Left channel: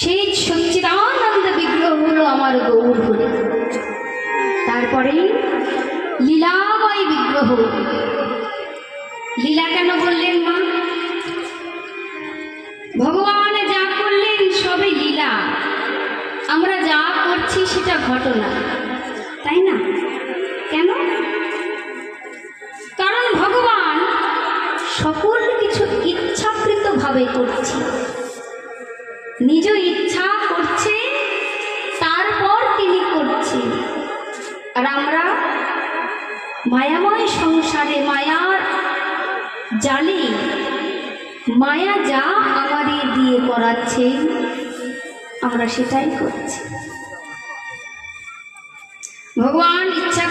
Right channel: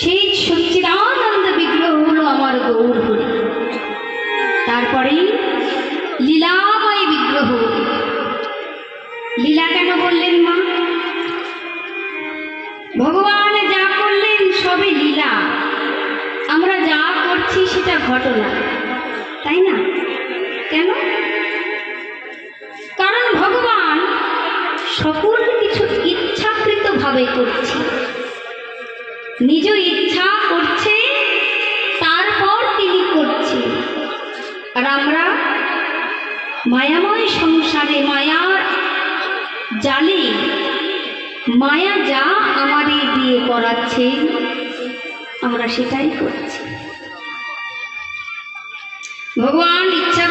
সেই সচ্চিদানন্দ বিগ্রহ হলো আমার গৌর হরি। তারপরে লীলাময় বিগ্রহ। লীলা কেন বললেন মা? ভগবান যা করলেন সবে লীলা, আমরা যা করছি সেটা ঘটনা, তাই না? কেন? কারণ ভগবান সকল কিছু ইচ্ছাকৃত ভাবে করছে, নিজ ইচ্ছা করছে, তারপর তিনি করছে। আর আমরা মায়াময় সংসারে মায়ার জালে মায়া যা আমাদের দিয়ে করাচ্ছে আমরা সেটাই করছি। ভগবান ইচ্ছা